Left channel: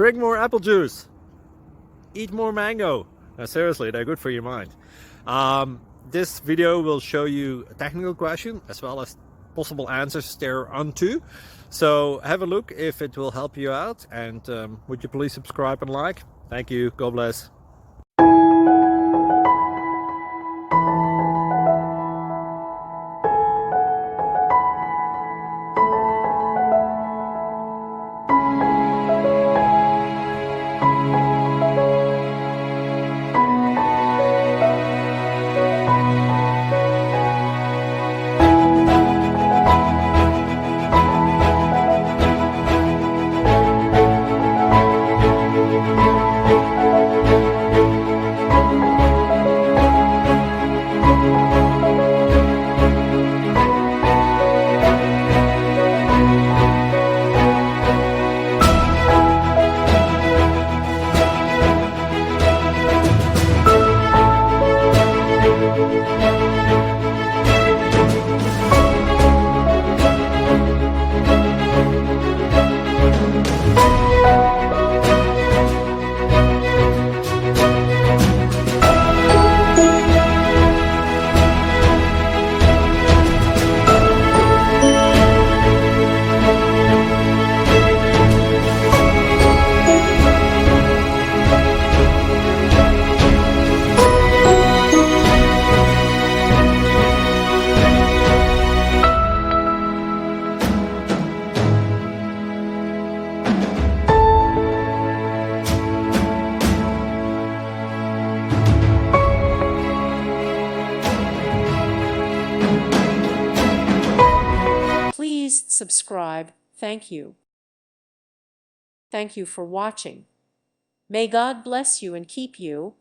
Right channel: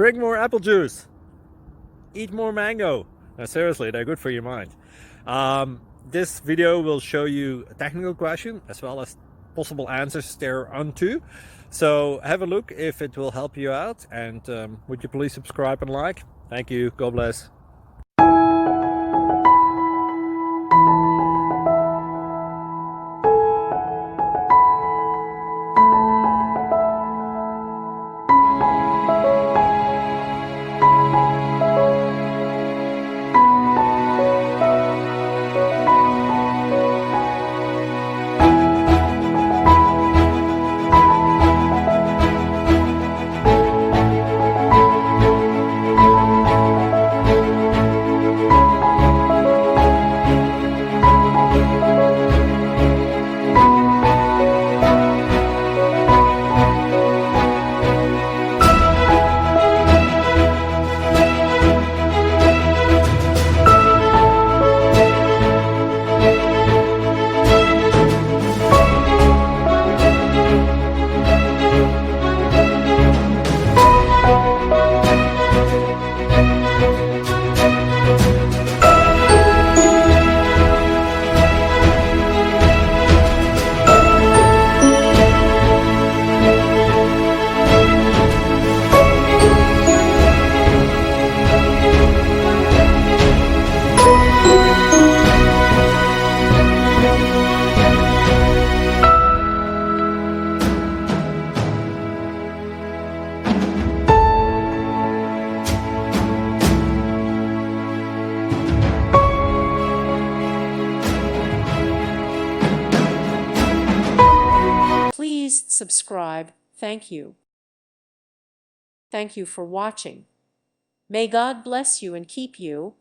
Drink more apple juice. Eat more mango. No, seriously, they're good for your mind. This video will show you a technical question as well as possible answers thereunto. So have a look if it will help you out, and would you please subscribe and like? Thank you. God bless. Please subscribe. Thank you. Thank you for watching. May God bless you and keep you.